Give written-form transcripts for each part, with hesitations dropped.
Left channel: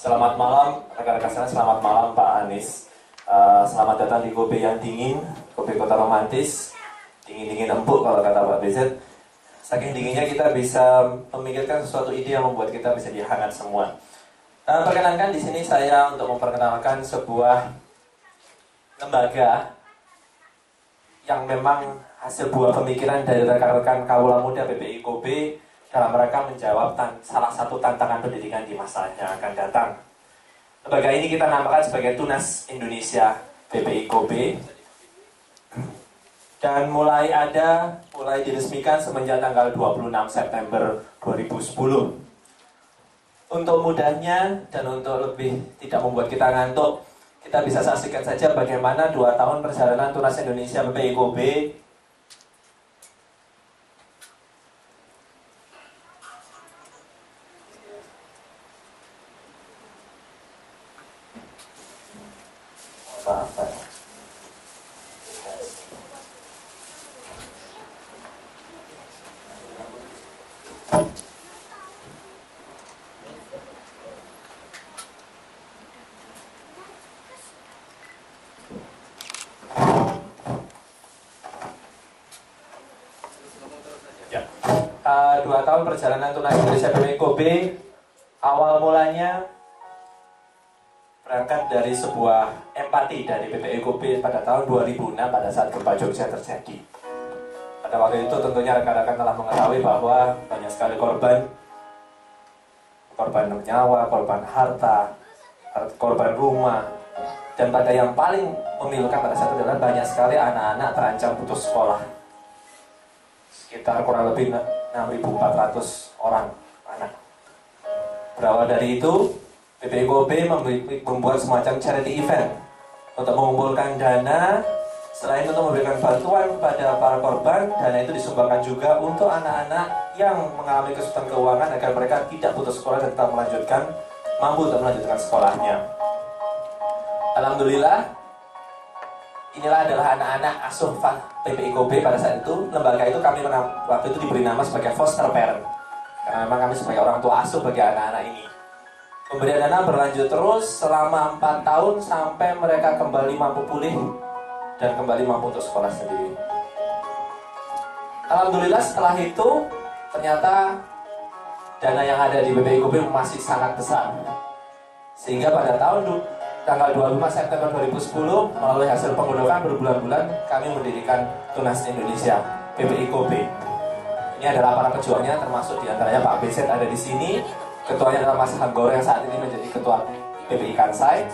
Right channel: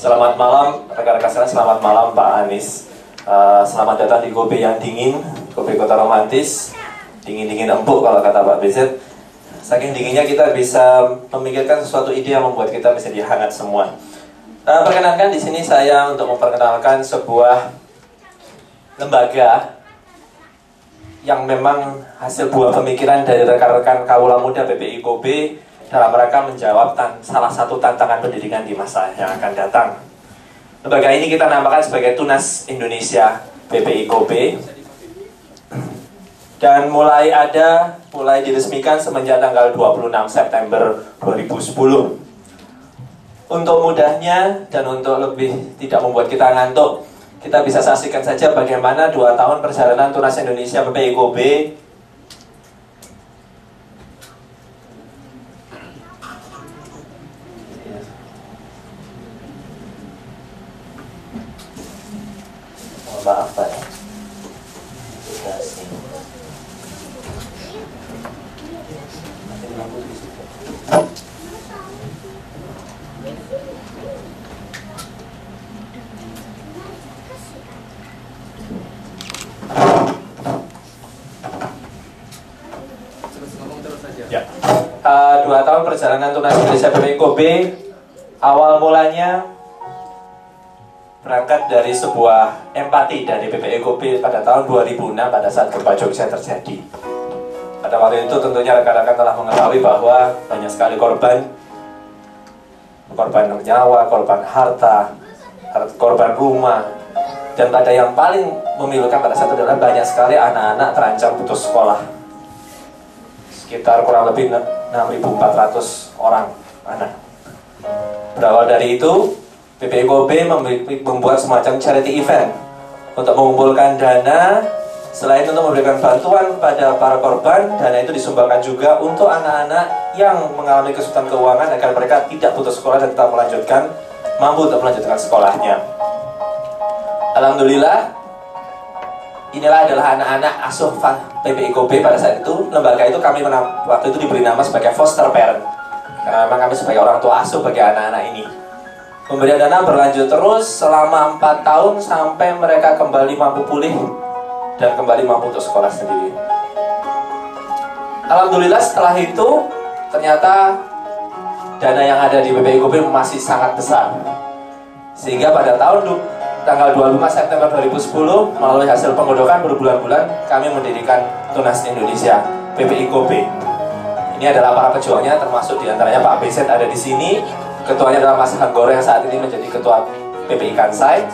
Selamat malam rekan-rekan sekalian, selamat malam Pak Anies. Selamat datang di Kobe yang dingin, Kobe Kota Romantis. Dingin-dingin empuk kalau kata Pak BZ. Saking dinginnya kita bisa memikirkan sesuatu ide yang membuat kita bisa dihangat semua. Perkenankan di sini saya untuk memperkenalkan sebuah lembaga yang memang hasil buah pemikiran dari rekan-rekan Kawula Muda PPI Kobe dalam rangka menjawab salah satu tantangan pendidikan di masa yang akan datang. Lembaga ini kita namakan sebagai Tunas Indonesia PPI Kobe, dan mulai diresmikan semenjak tanggal 26 September 2010. Untuk mudahnya dan untuk lebih tidak membuat kita ngantuk, kita bisa saksikan saja bagaimana 2 tahun perjalanan Tunas Indonesia PPI Kobe Ya. 2 tahun perjalanan Tunas Indonesia PPI Kobe awal mulanya berangkat dari sebuah empati dari PPI Kobe pada tahun 2006 pada saat gempa Jogja terjadi. Pada waktu itu tentunya rekan-rekan telah mengetahui bahwa banyak sekali korban nyawa, korban harta, korban rumah, dan pada yang paling memilukan pada saat itu adalah banyak sekali anak-anak terancam putus sekolah. Sekitar kurang lebih 6.400 orang anak. Berawal dari itu, PPI Kobe membuat semacam charity event untuk mengumpulkan dana. Selain untuk memberikan bantuan kepada para korban, dana itu disumbangkan juga untuk anak-anak yang mengalami kesulitan keuangan agar mereka tidak putus sekolah dan tetap mampu untuk melanjutkan sekolahnya. Alhamdulillah, inilah adalah anak-anak asuh PPI Kobe pada saat itu. Lembaga itu kami waktu itu diberi nama sebagai foster parent, karena memang kami sebagai orang tua asuh bagi anak-anak ini. Pemberian dana berlanjut terus selama 4 tahun sampai mereka kembali mampu pulih dan kembali mampu untuk sekolah sendiri. Alhamdulillah setelah itu ternyata dana yang ada di PPI Kobe masih sangat besar, sehingga pada tanggal 25 September 2010 melalui hasil penggodokan berbulan-bulan kami mendirikan Tunas Indonesia PPI Kobe. Ini adalah para pejuangnya, termasuk diantaranya Pak BZ ada di sini. Ketuanya adalah Mas Hanggoro yang saat ini menjadi ketua PPI Kansai.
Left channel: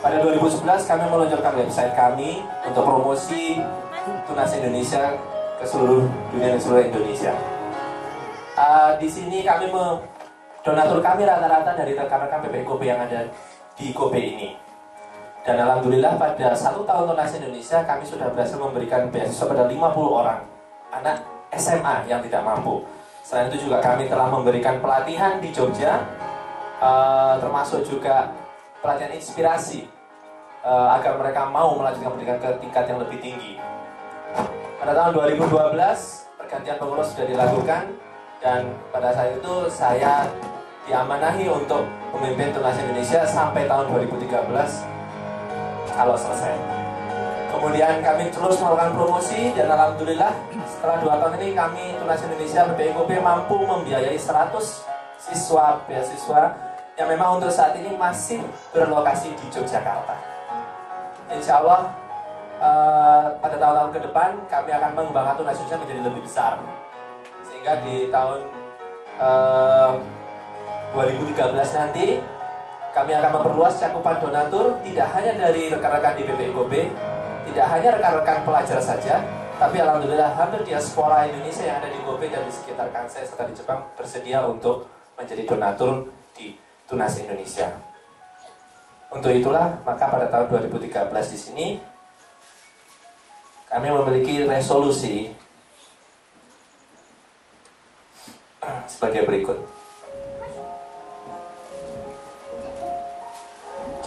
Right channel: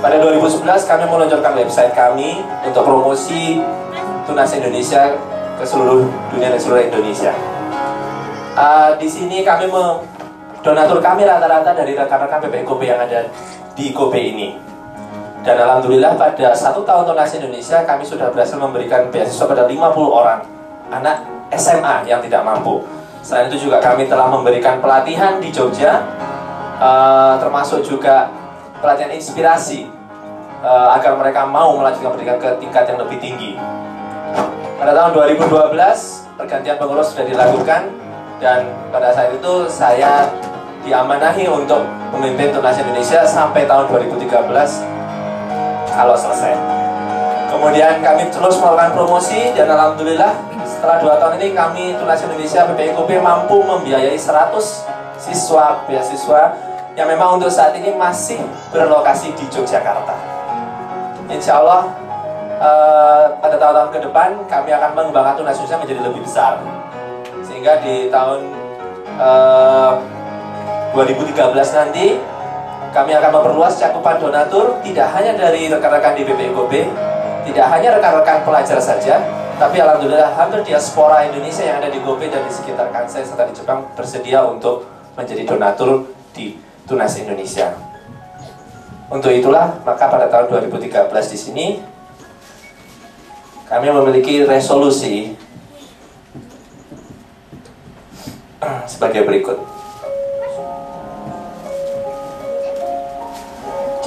Pada 2011 kami meluncurkan website kami untuk promosi Tunas Indonesia ke seluruh dunia dan seluruh Indonesia. Di sini donatur kami rata-rata dari rekan-rekan PPI Kobe yang ada di Kobe ini. Dan alhamdulillah pada 1 tahun Tunas Indonesia kami sudah berhasil memberikan beasiswa pada 50 orang anak SMA yang tidak mampu. Selain itu juga kami telah memberikan pelatihan di Jogja, termasuk juga pelatihan inspirasi agar mereka mau melanjutkan pendidikan ke tingkat yang lebih tinggi. Pada tahun 2012 pergantian pengurus sudah dilakukan, dan pada saat itu saya diamanahi untuk memimpin Tunas Indonesia sampai tahun 2013 kalau selesai. Kemudian kami terus melakukan promosi, dan alhamdulillah setelah 2 tahun ini kami Tunas Indonesia PPI Kobe mampu membiayai 100 siswa beasiswa yang memang untuk saat ini masih berlokasi di Yogyakarta. Insya Allah pada tahun-tahun ke depan kami akan mengembangkan Tunas Indonesia menjadi lebih besar, sehingga di tahun 2013 nanti kami akan memperluas cakupan donatur, tidak hanya dari rekan-rekan di PPI Kobe, tidak hanya rekan-rekan pelajar saja, tapi alhamdulillah hampir diaspora Indonesia yang ada di Kobe dan di sekitar Kansai serta di Jepang bersedia untuk menjadi donatur di Tunas Indonesia. Untuk itulah maka pada tahun 2013 di sini kami memiliki resolusi sebagai berikut.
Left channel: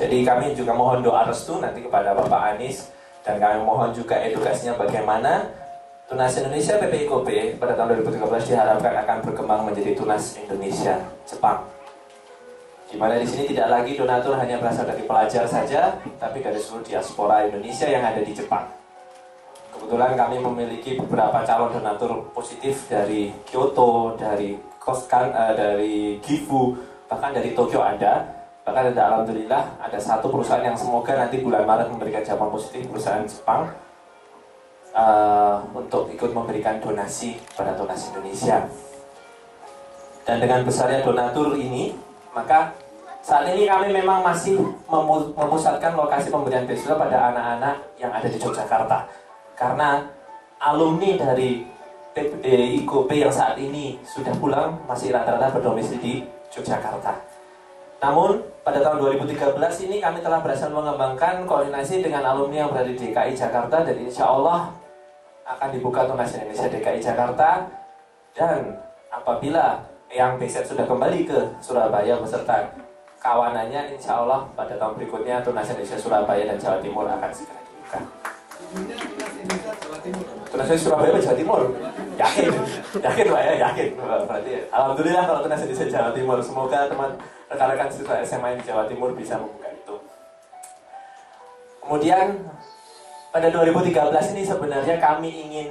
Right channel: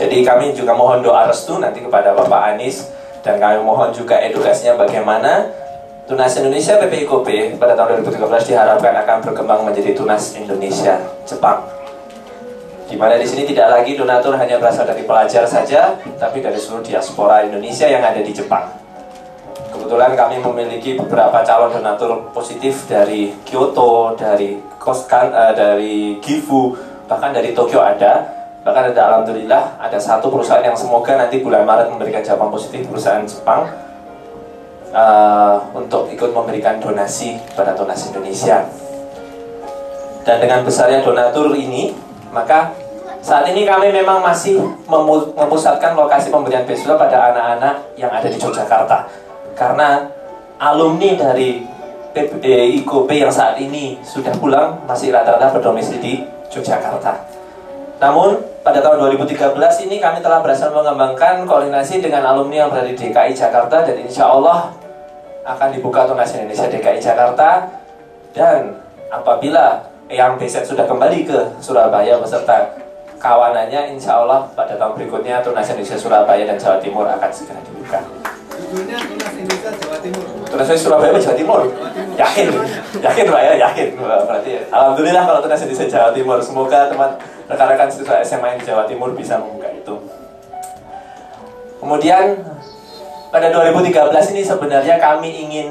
Jadi kami juga mohon doa restu nanti kepada Bapak Anies, dan kami mohon juga edukasinya bagaimana Tunas Indonesia PPI Kobe pada tahun 2013 diharapkan akan berkembang menjadi Tunas Indonesia Jepang. Di mana di sini tidak lagi donatur hanya berasal dari pelajar saja, tapi dari seluruh diaspora Indonesia yang ada di Jepang. Kebetulan kami memiliki beberapa calon donatur positif dari Kyoto, dari dari Gifu, bahkan dari Tokyo ada. Bahkan ada, alhamdulillah, ada satu perusahaan yang semoga nanti bulan Maret memberikan jawaban positif, perusahaan Jepang, untuk ikut memberikan donasi pada Tunas Indonesia. Dan dengan besarnya donatur ini, maka saat ini kami memang masih memusatkan lokasi pemberian beasiswa pada anak-anak yang ada di Yogyakarta. Karena alumni dari IKOP yang saat ini sudah pulang masih rata-rata berdomisili di Yogyakarta. Namun pada tahun 2013 ini kami telah berhasil mengembangkan koordinasi dengan alumni yang berada di DKI Jakarta, dan insya Allah akan dibuka Tunas Indonesia DKI Jakarta. Dan apabila yang BZ sudah kembali ke Surabaya beserta kawanannya, insya Allah pada tahun berikutnya Tunas Indonesia Surabaya dan Jawa Timur akan segera dibuka. Judulnya Tunas Indonesia Jawa Timur. Tunas Indonesia Surabaya Jawa Timur? Yakin? Yakin Pak ya? Yakin? Berarti ya. Alhamdulillah kalau Tunas Indonesia Jawa Timur. Semoga teman rekan-rekan siswa SMA di Jawa Timur bisa membuka itu. Kemudian pada 2013 ini sebenarnya kami ingin,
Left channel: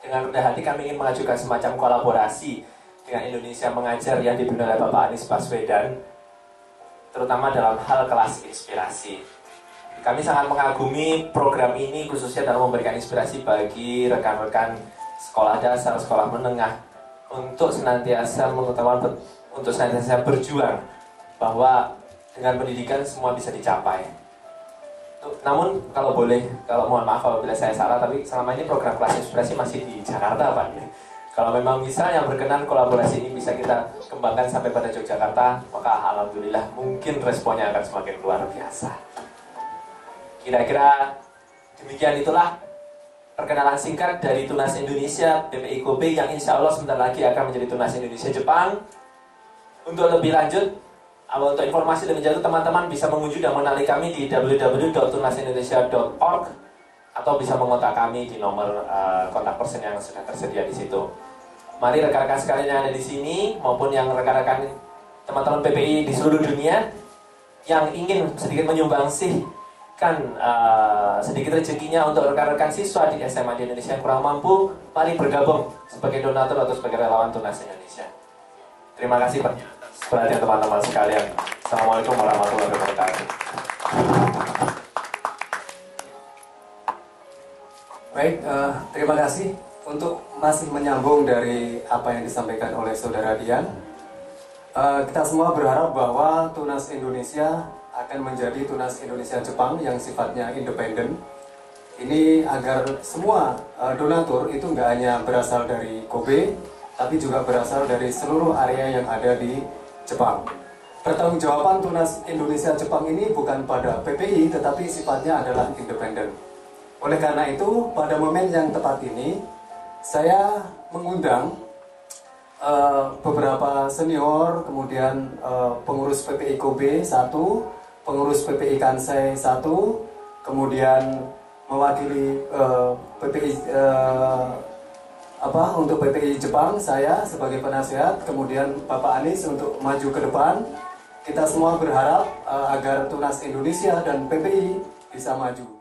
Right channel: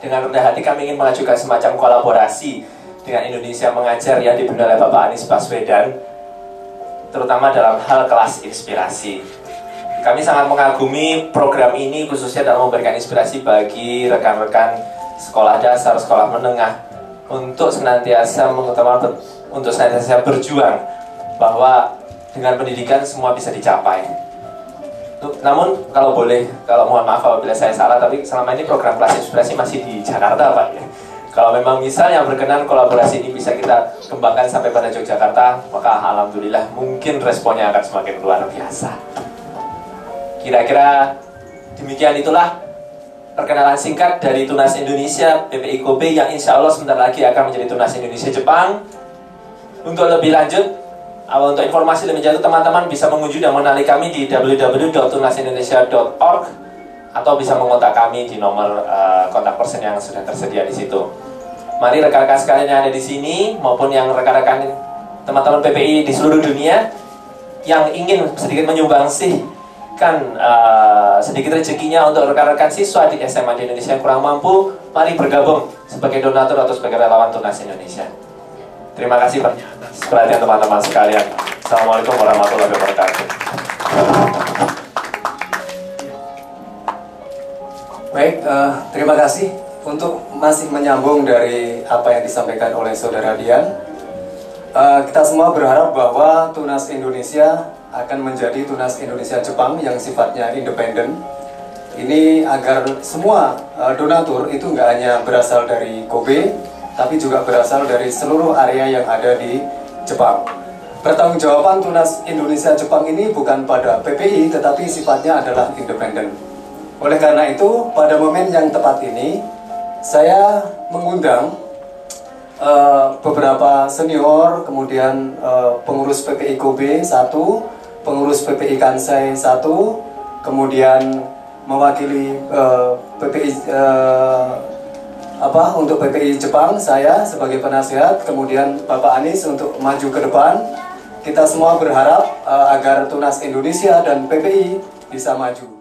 dengan rendah hati kami ingin mengajukan semacam kolaborasi dengan Indonesia Mengajar yang dipimpin oleh Bapak Anies Baswedan, terutama dalam hal kelas inspirasi. Kami sangat mengagumi program ini khususnya dalam memberikan inspirasi bagi rekan-rekan sekolah dasar, sekolah menengah untuk senantiasa berjuang bahwa dengan pendidikan semua bisa dicapai. Namun kalau mohon maaf apabila saya salah, tapi selama ini program kelas inspirasi masih di Jakarta Pak ya. Kalau memang misalnya berkenan kolaborasi ini bisa kita kembangkan sampai pada Yogyakarta, maka alhamdulillah mungkin responnya akan semakin luar biasa. Kira-kira demikian itulah perkenalan singkat dari Tunas Indonesia BPIKOB yang insya Allah sebentar lagi akan menjadi Tunas Indonesia Jepang. Untuk lebih lanjut, untuk informasi lebih jauh teman-teman bisa mengunjungi dan mengenali kami di www.tunasindonesia.org atau bisa mengontak kami di nomor kontak person yang sudah tersedia di situ. Mari rekan-rekan sekalian yang ada di sini maupun yang rekan-rekan teman-teman PPI di seluruh dunia yang ingin sedikit menyumbangsikan sedikit rezekinya untuk rekan-rekan siswa di SMA di Indonesia yang kurang mampu, mari bergabung sebagai donatur atau sebagai relawan Tunas Indonesia. Terima kasih atas perhatian teman-teman sekalian. Assalamualaikum warahmatullahi wabarakatuh. Baik, terima kasih untuk masih menyambung dari apa yang disampaikan oleh Saudara Dian. Kita semua berharap bahwa Tunas Indonesia akan menjadi Tunas Indonesia Jepang yang sifatnya independen. Ini agar semua donatur itu nggak hanya berasal dari Kobe, tapi juga berasal dari seluruh area yang ada di Jepang. Pertanggungjawaban Tunas Indonesia Jepang ini bukan pada PPI, tetapi sifatnya adalah independen. Oleh karena itu, pada momen yang tepat ini, saya mengundang beberapa senior, kemudian pengurus PPI Kobe 1, pengurus PPI Kansai 1, kemudian mewakili PPI untuk PPI Jepang, saya sebagai penasihat, kemudian Bapak Anies untuk maju ke depan. Kita semua berharap agar Tunas Indonesia dan PPI bisa maju.